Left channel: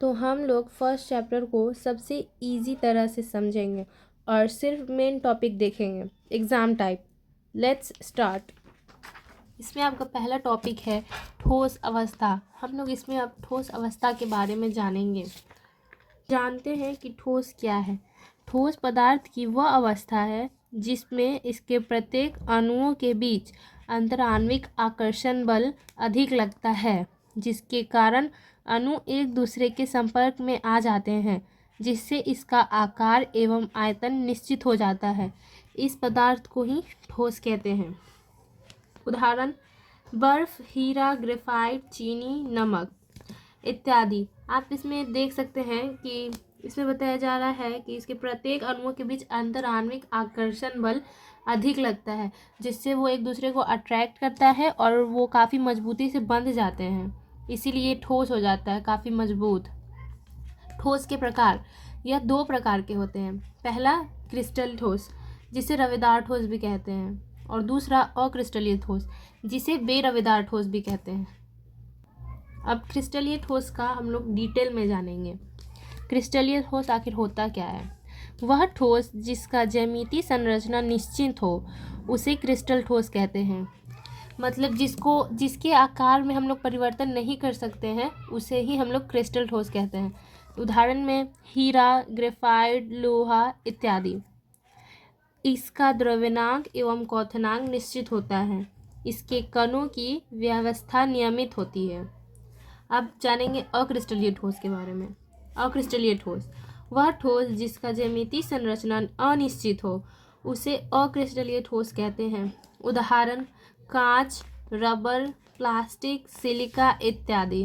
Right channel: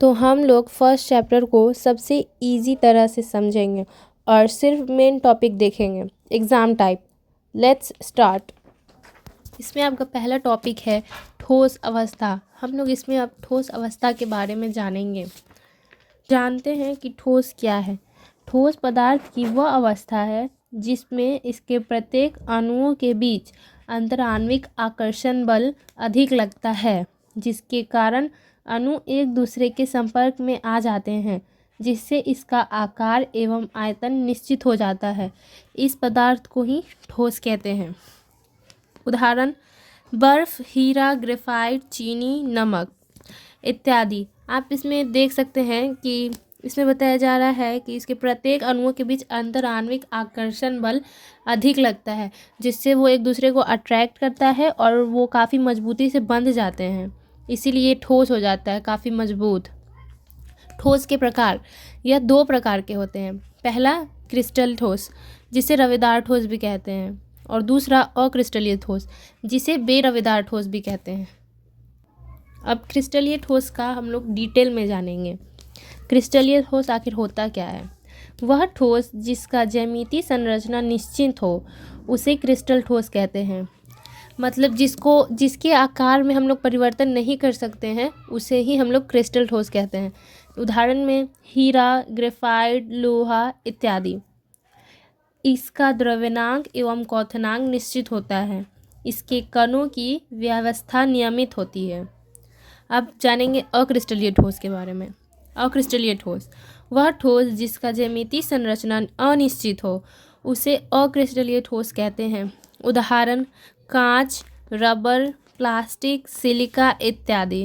तो हम लोग फर्स्ट चैप्टर को सबसे इजी तरह से समझेंगे और सिर्फ मेन टॉपिक देखेंगे, एग्ज़ाम टाइप। Let's start. इसमें आपका पहला टॉपिक है ठोस अवस्था। हम लोग इसमें अब ठोस अवस्था के बारे में जानेंगे। जानते हैं कि ठोस क्या है। ठोस पदार्थ की वह अवस्था है जिसमें इसके प्रत्येक अणुओं के बीच अंतराण्विक आकर्षण बल अधिक लगता है, जिसके कारण अणु एक दूसरे के संपर्क में आ जाते हैं, जिससे इसका आकार एवं आयतन निश्चित हो जाता है। इस पदार्थ को ही ठोस कहते हैं। उदाहरण: बर्फ, हीरा, ग्रेफाइट, चीनी, नमक इत्यादि। आप इसमें देख सकते हैं कि इसमें बताया जा रहा है कि इसके प्रत्येक अणुओं के बीच अंतराण्विक आकर्षण बल अधिक लगता है, जिससे वो एक दूसरे को अट्रैक्ट करता है और वो काफ़ी मजबूती से बंध जाते हैं, इसीलिए ठोस हो जाता है, काफ़ी मजबूत। ठोस के प्रकार यह दो प्रकार के होते हैं। पहला क्रिस्टल ठोस, जिसे रवेदार ठोस भी कहते हैं, और दूसरा अक्रिस्टलीय ठोस, जिसे बेरवेदार ठोस भी कहते हैं। अब क्रिस्टलीय ठोस का हम लोग डिटेल में जानेंगे। क्रिस्टलीय ठोस आखिर होता क्या है? वह ठोस जिसका ज्यामितीय संरचना निश्चित हो उसे क्रिस्टल ठोस कहते हैं। मतलब जिसके आकार में हम लोग परिवर्तन नहीं कर सकते हैं उसे ही हम लोग क्रिस्टल ठोस कहते हैं। उदाहरण में हीरा, ग्रेफाइट, लोहा इत्यादि। इसका द्रव्यनांक एवं क्वथनांक निश्चित होता है। इसके कणों की व्यवस्था नियमित होती है। अब जानेंगे अक्रिस्टलीय ठोस के बारे में। अक्रिस्टलीय ठोस वह ठोस जिसका ज्यामितीय संरचना अनिश्चित हो उसे अक्रिस्टलीय ठोस कहते हैं। उदाहरण: कांच, रबर, प्लास्टिक, सिलिका इत्यादि।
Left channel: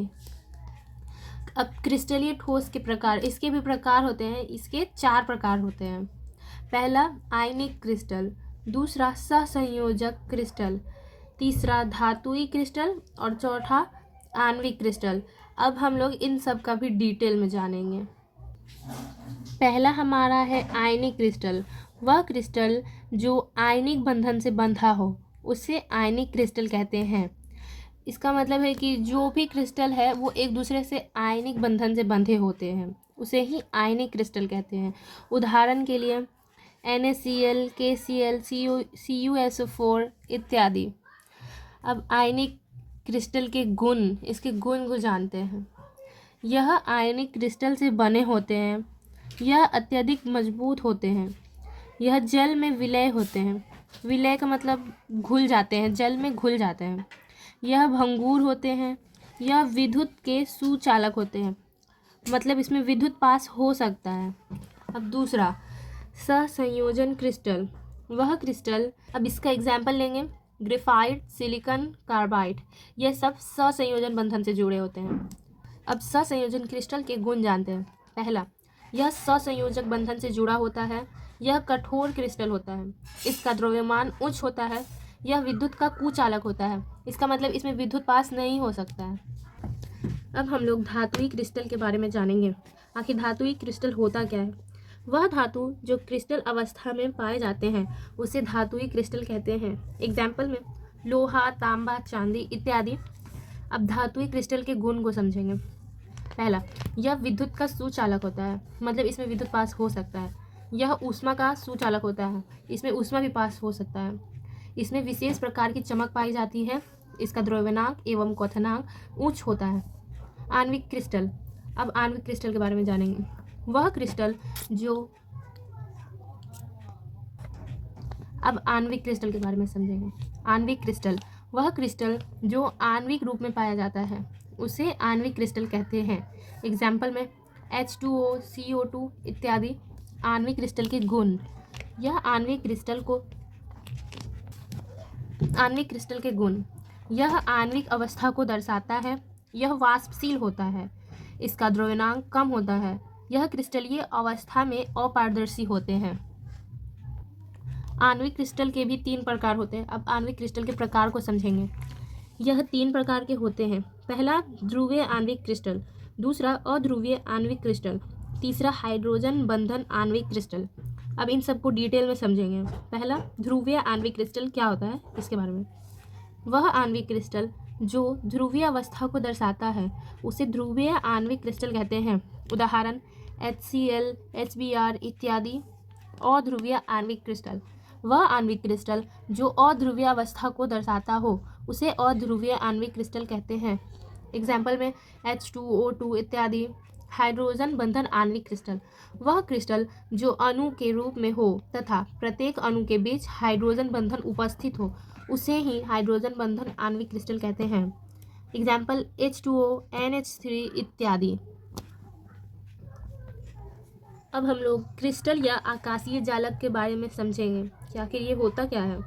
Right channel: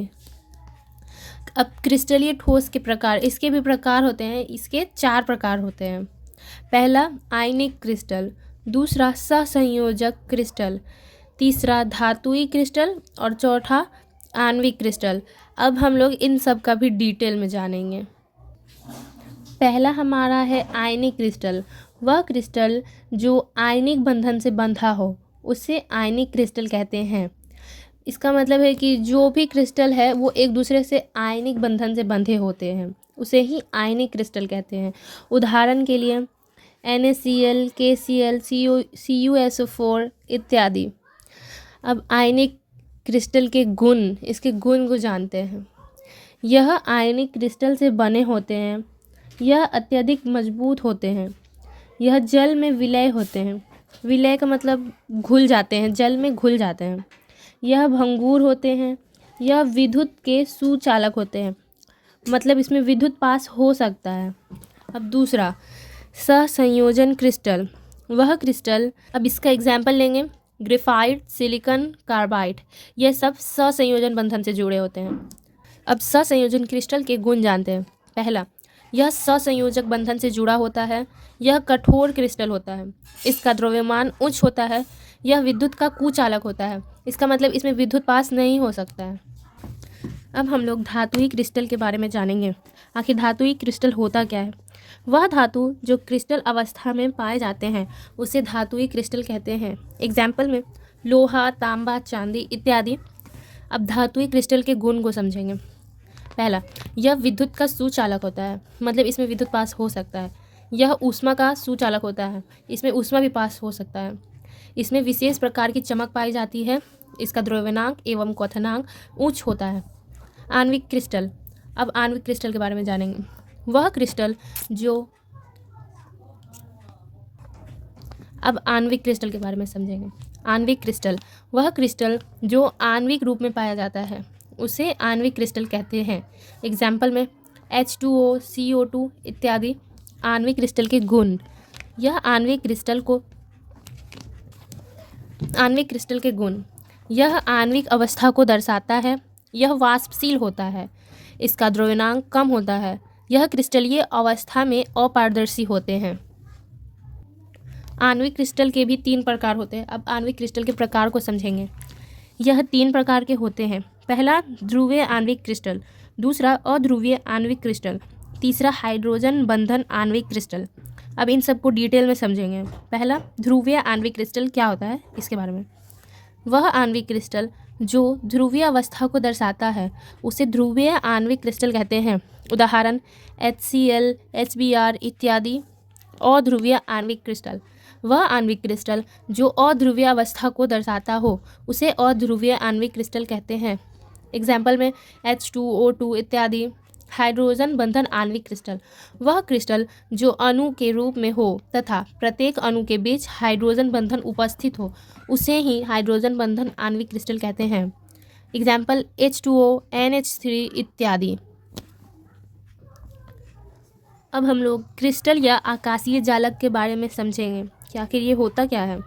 अब क्रिस्टलीय ठोस के प्रकार, इसके भी प्रकार होते हैं। इसके 4 प्रकार होते हैं। पहला आयनिक क्रिस्टल, दूसरा सहसंयोजक क्रिस्टल, तीसरा धातुई क्रिस्टल और चौथा आणविक क्रिस्टल। अब हम लोग इन सब का भी डिटेल में जानेंगे। पहला हमारा है आयनिक क्रिस्टल। वह क्रिस्टल जो आयनिक बंधन से बंधा हो उसे आयनिक क्रिस्टल कहते हैं। इसका मतलब है कि जो भी क्रिस्टल है वो एक दूसरे से आयनिक बंधन से बंधे होते हैं, उसे ही आयनिक क्रिस्टल कहते हैं। उदाहरण के लिए NaCl, KCl, CuSO4 इत्यादि। अब आयनिक क्रिस्टल के गुण, इसके गुण को जानते हैं। यह आयनिक क्रिस्टल से बने होते हैं। यह अत्यधिक मजबूत होते हैं। यह जल में विलय होते हैं। विलय का मतलब घुल जाते हैं, जल में घुल जाते हैं। यह भंगुर होते हैं। यह विद्युत के सुचालक होते हैं, मतलब इसमें विद्युत पास हो सकता है। अब दूसरा सहसंयोजन क्रिस्टल। वह क्रिस्टल, अब इसका एग्जाम्पल लेंगे, ग्रेफाइट, सिलिकॉन कार्बाइड, यह सब सहसंयोजन बंधन से जुड़े होते हैं। अब सहसंयोजन क्रिस्टल के गुण जानते हैं। पहला, यह सहसंयोजक बंधन से जुड़ा होता है। यह कठोर क्रिस्टल होता है। इसका द्रव्यमान उच्च होता है। यह विद्युत का कुचालक होता है। इसका मतलब इसमें विद्युत पास नहीं हो सकता है। अब हम लोग धातुई क्रिस्टल के बारे में जानेंगे। आखिर धातुई क्रिस्टल होता क्या है? वह धातु जो क्रिस्टल अवस्था में पाए जाते हैं उसे धातुई क्रिस्टल कहते हैं। एग्जाम्पल में लोहा, तांबा, चांदी इत्यादि। अब धातुई क्रिस्टल के गुण को समझेंगे। पहला, यह विद्युत का सुचालक होता है, मतलब इसमें विद्युत पास हो सकता है। यह ऊष्मा का सुचालक होता है, इसमें ऊष्मा भी पास हो सकता है। इसमें विशेष प्रकार की चमक पाई जाती है। इसका द्रव्यनांक एवं क्वथनांक उच्च होता है। आणविक क्रिस्टल। अब आणविक क्रिस्टल के बारे में जानेंगे। वह क्रिस्टल जो, अब आणविक क्रिस्टल के बारे में समझेंगे। आणविक क्रिस्टल वह क्रिस्टल जो आणविक रूप में पाया जाता है उसे आणविक क्रिस्टल कहते हैं। एग्जाम्पल में H2O, CO2 इत्यादि। आणविक क्रिस्टल के गुण, यह आणविक क्रिस्टल के गुण, यह आणविक अवस्था को दर्शाता है। यह वाष्पशील होता है। इसका द्रव्यनांक कम होता है। यह क्रिस्टलीय अवस्था में अपारदर्शी होते हैं। आणविक क्रिस्टल के भी 3 प्रकार होते हैं। अब आणविक क्रिस्टल के प्रकार को समझेंगे। यह 3 प्रकार के होते हैं। पहला ध्रुवीय आणविक क्रिस्टल, दूसरा अध्रुवीय आणविक क्रिस्टल, तीसरा हाइड्रोजन बंधन आणविक क्रिस्टल। अब इन सबको डिटेल में समझेंगे। पहला ध्रुवीय आणविक क्रिस्टल क्या होता है इसके बारे में। वह आणविक क्रिस्टल जो ध्रुवीय अवस्था को दर्शाता है उसे ध्रुवीय आणविक क्रिस्टल कहते हैं। उदाहरण HCl, HBr इत्यादि। अध्रुवीय आणविक क्रिस्टल, वह आणविक क्रिस्टल जो अध्रुवीय अवस्था को दर्शाता हो उसे अध्रुवीय आणविक क्रिस्टल कहते हैं। एग्जाम्पल में H2O2 इत्यादि। हाइड्रोजन बंधन आणविक क्रिस्टल, वह क्रिस्टल जो अणु के रूप में हो तथा प्रत्येक अणु के बीच हाइड्रोजन बंधन उपस्थित हो उसे ही हाइड्रोजन बंधन आणविक क्रिस्टल कहते हैं। एग्जाम्पल H2O, NH3 इत्यादि। अब हम लोग क्रिस्टल या आकाशीय जालक के बारे में समझेंगे कि आखिर ये होता क्या है।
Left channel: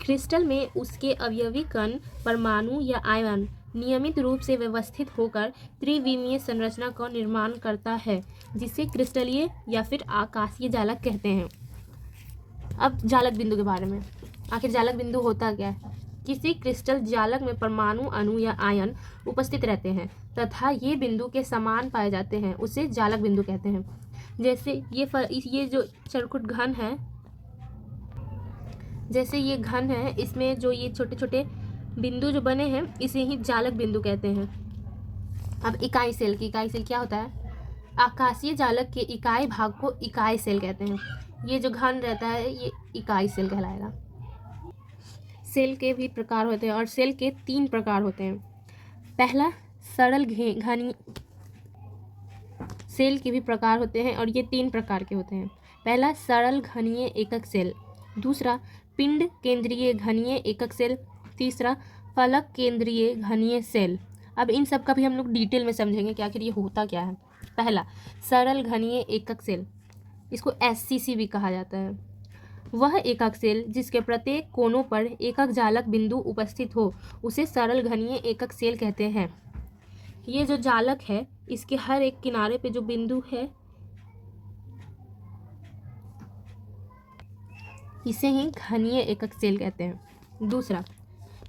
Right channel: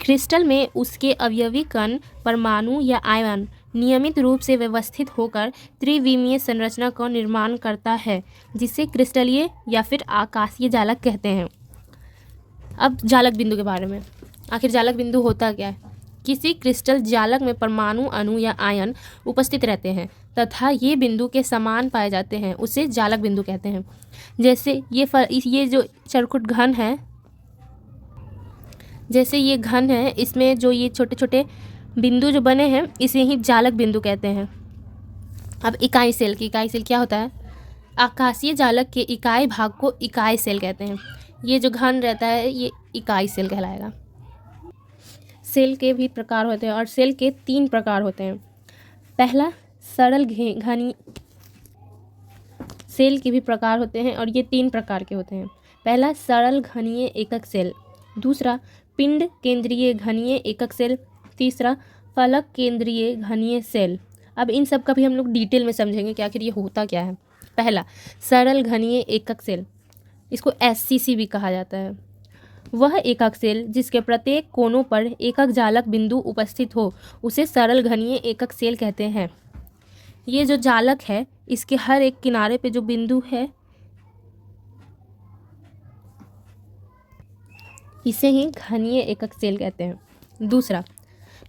क्रिस्टल में उसके अवयवी कण, परमाणु या आयन नियमित रूप से व्यवस्थित होकर त्रिविमीय संरचना का निर्माण करता है, जिसे क्रिस्टलीय या फिर आकाशीय जालक कहते हैं। अब जालक बिंदु के बारे में, आखिर जालक बिंदु होता क्या है। किसी क्रिस्टल जालक में परमाणु, अणु या आयन उपस्थित रहते हैं तथा ये बिंदु के समान पाए जाते हैं, उसे जालक बिंदु कहते हैं। जैसे ये जो चरखुट घन है, जैसे ये घन है, इसमें जो ये छोटे छोटे बिंदु जो बने हैं इसे ही जालक बिंदु कहते हैं। अब इकाई सेल की, इकाई सेल क्या होता है। आकाशीय जालक के इकाई भाग को इकाई सेल कहते हैं। ये जो घन रहता है ये इकाई सेल कहलाएगा। सेल के भी प्रकार होते हैं और सेल के 3 प्रकार होते हैं। पहला सरल घनी सेल के भी प्रकार होते हैं और ये 3 प्रकार के होते हैं। पहला सरल घनीय एकक सेल, दूसरा पिंड केंद्रीय घनीय एकक सेल, तीसरा फलक केंद्रीय घनीय सेल। अब इन सब का भी हम लोग डिटेल में समझेंगे कि आखिर ये होता क्या है। पहला सरल घनीय एकक सेल, इसको SCC भी कहा जाता है। वह एकक सेल जिसके प्रत्येक कोनों पर एकक जालक बिंदु उपस्थित हो उसे सरल घनीय एकक सेल कहते हैं। ये जो जालक है इसके हर एक किनारे पे जो बिंदु है इसे ही घनीय एकक सेल कहते हैं। दूसरा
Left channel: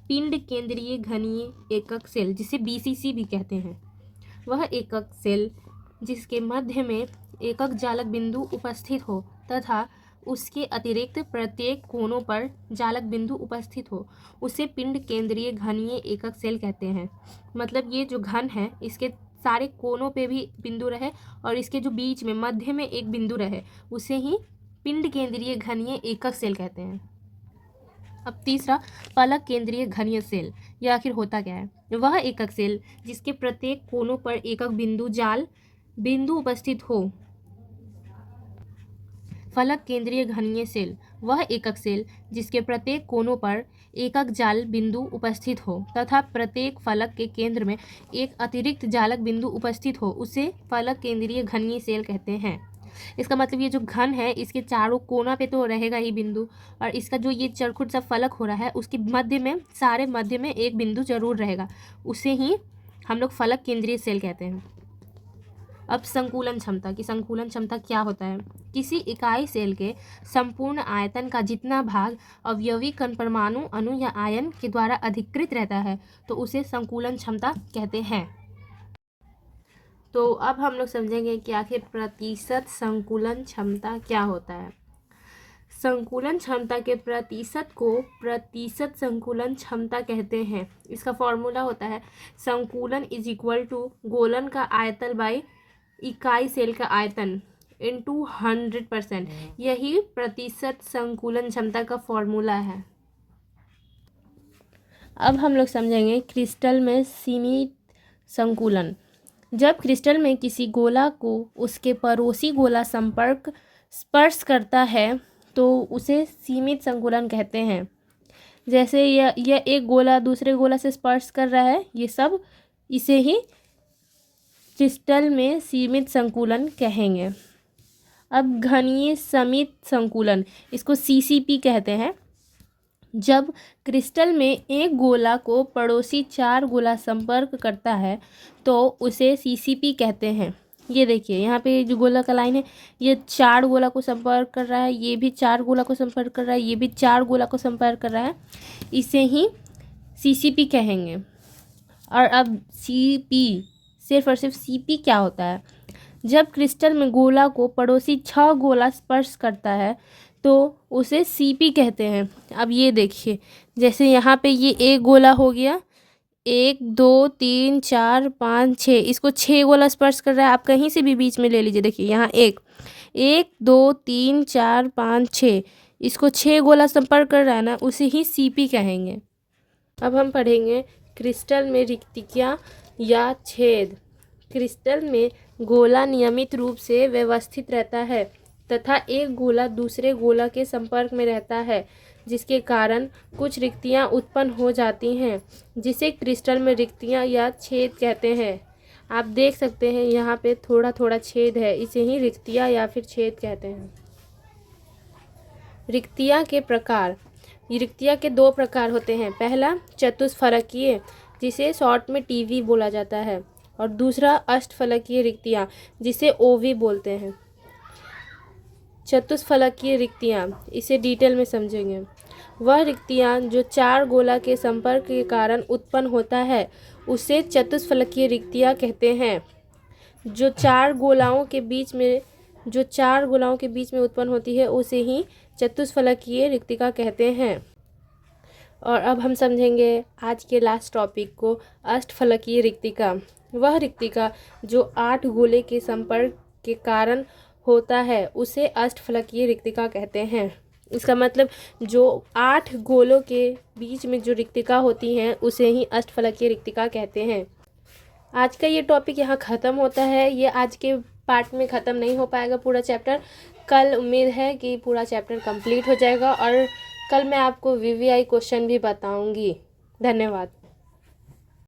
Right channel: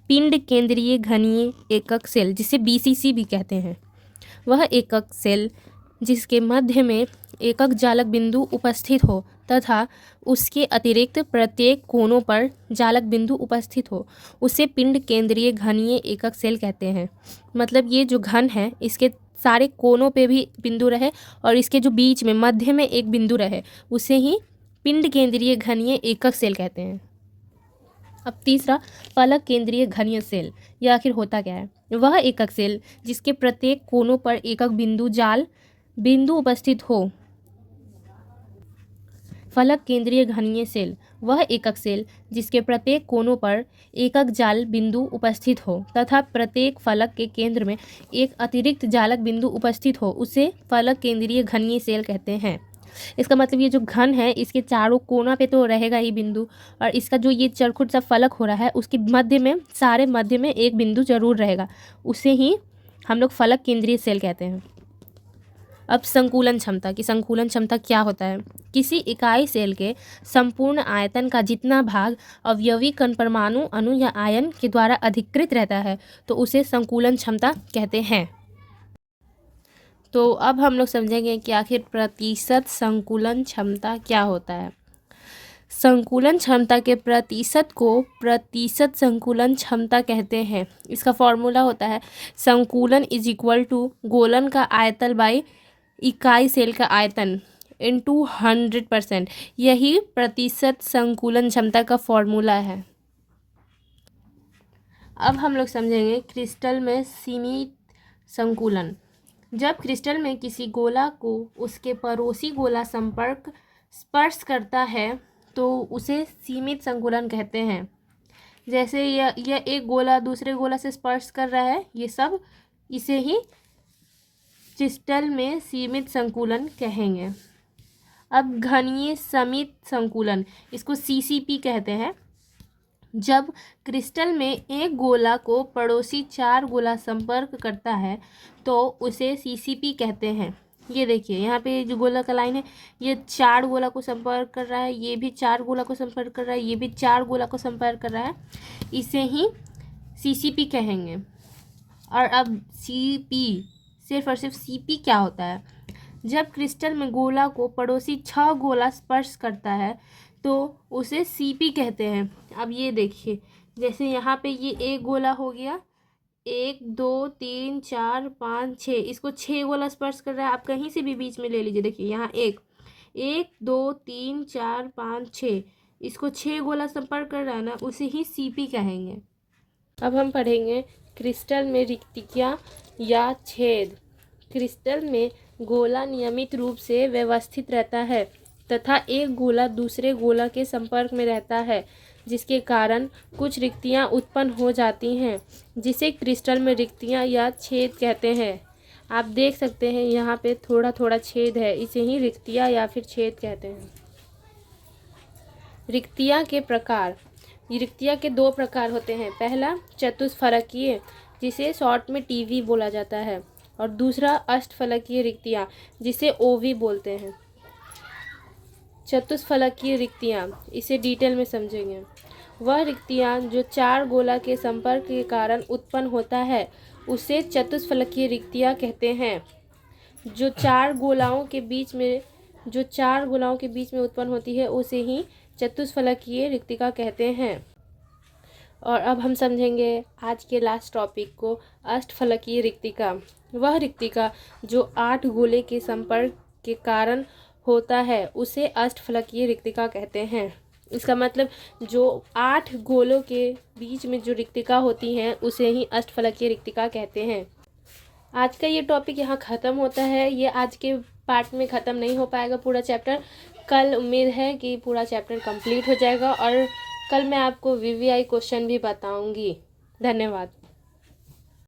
पिंड केंद्रीय घनीय एकक सेल, जिसे BCC भी कहते हैं। वह एकक सेल जिसके मध्य में एकक जालक बिंदु उपस्थित हो तथा उसके अतिरिक्त प्रत्येक कोनों पर जालक बिंदु उपस्थित हो उसे पिंड केंद्रीय घनीय एकक सेल कहते हैं। मतलब ये जो घन है इसके सारे कोनों पे भी बिंदु रहे और इसके जो बीच में मध्य में एक बिंदु रहे उसे ही पिंड केंद्रीय घनीय एकक सेल कहते हैं। अब तीसरा फलक केंद्रीय घनीय सेल, यह आखिर होता क्या है। वह एकक सेल जिसके प्रत्येक कोनों पर एकक बिंदु उपस्थित हो। फलक केंद्रीय घनीय सेल, वह एकक सेल जिसके प्रत्येक कोनों पर एकक जाल बिंदु उपस्थित हो तथा प्रत्येक फलक के केंद्र में एक अतिरिक्त जालक बिंदु उपस्थित हो उसे फलक केंद्रीय घनीय सेल कहते हैं। इसका मतलब ये जो घन है इसके चारों कोना पे तो रहेगा ही बिंदु और इसका जो ये चरखुट सा फलक हो रहा है उसके मध्य में, सारे मध्य में एक बिंदु जरूर रहेगा, उसे ही हम लोग फलक केंद्रीय सेल कहते हैं। अब संकुलन क्षमता की, संकुलन क्षमता क्या होता है। किसी इकाई सेल के संपूर्ण आयतन का जितना भाग अवयवी कण, परमाणु, अणु या आयन के द्वारा अधिकृत रहता है तो उसे संकुलन क्षमता कहते हैं। तो अब हम लोग समझेंगे कि आखिर प्रतिशत संकुलन क्षमता क्या होता है। संकुलन क्षमता के प्रतिशत को प्रतिशत संकुलन क्षमता कहते हैं। इसका फॉर्मूला होता है संकुलन इज इक्वल टू गोलन का आयतन बाई इकाई सेल का आयतन इंटू 100%। यही प्रतिशत संकुलन क्षमता का फॉर्मूला है। अब हम लोग समझेंगे क्रिस्टल में सीमित संकुलन। जब क्रिस्टल में किसी गोला को उसके पड़ोसी गोला स्पर्श करता है तो उसे सीमित संकुलन कहते हैं। जैसे यह एक गोला दूसरे गोला से स्पर्श कर रहा है, ये सब इसे ही क्रिस्टल में सीमित संकुलन कहेंगे। अब घनीय समित संकुलन, इसको CCP कहते हैं। जब क्रिस्टल में एक गोला को पड़ोसी 4 गोला संपर्क करता है तो उसे CCP कहते हैं। ये देखिए यहाँ पे जो गोला का लाइन है ये 4 गोला को संपर्क कर रहा है, ये भी 4 गोला को संपर्क कर रहा है, ये भी 4 गोला को संपर्क कर रहा है, इसे ही CCP कहेंगे। और अब CP, सिर्फ और सिर्फ CP क्या होता है। जब क्रिस्टल में गोला को पड़ोसी 6 गोला स्पर्श करता है तो उसे CP कहते हैं। अब ये देखिए जैसे यहाँ पे ये एक गोला हो गया, 1 2 3 4 5 6, इसको 6 गोला स्पर्श कर रहा है। आप कहीं से भी बीच में ले लीजिए। देखिए यहाँ 1 1 2 3 4 5 6, इसको 6 गोला संपर्क कर रहा है ना, उसे ही सीपी कहेंगे। अब हम पढ़ेंगे क्रिस्टल में रिक्तियाँ या छेद। क्रिस्टल में गोला नियमित रूप से व्यवस्थित रहता है तथा एक गोला दूसरे गोला के संपर्क में रहता है, जिसके कारण कुछ रिक्तियाँ उत्पन्न हो जाती हैं, जिसे क्रिस्टल में रिक्तियाँ या छेद कहते हैं। आप देख सकते हैं यहाँ पे थोड़ा थोड़ा छेद है, इसे ही रिक्तियाँ या फिर छेद कहते हैं। रिक्तियाँ के प्रकार। रिक्तियाँ के 2 प्रकार होते हैं। पहला चतुष्फलकीय, जिसे शॉर्ट में टीवी बोला जाता है, और दूसरा अष्टफलकीय रिक्तियाँ, जिसे ओवी बोलते हैं। चतुष्फलकीय रिक्तियाँ, इसे डिटेल में समझेंगे। वह रिक्तियाँ जो 4 गोला के संपर्क के कारण उत्पन्न होता है, उसे चतुष्फलकीय रिक्तियाँ कहते हैं। जो चार गोलाओं के बीच में उत्पन्न होती है, उसे ही चतुष्फलकीय रिक्तिका कहते हैं। और अब हम समझेंगे आज के लास्ट टॉपिक को, अष्टफलकीय रिक्तिका। वह रिक्तिका जो 8 गोले के संपर्क के कारण होता है, उसे अष्टफलकीय रिक्तिका कहते हैं। इसका मतलब जो 8 गोलों के बीच में जो रिक्तिका होती हैं, उसे ही अष्टफलकीय रिक्तिका कहते हैं। आज का ये टॉपिक यहाँ ख़त्म होता है। ये आज के पार्ट में ख़त्म नहीं हो पाएगा पूरा चैप्टर। कल उम्मीद है कि पूरा चैप्टर कंप्लीट हो जाएगा, और कल मैं आपको वीवीआई क्वेश्चन भी बताऊँगी। धन्यवाद।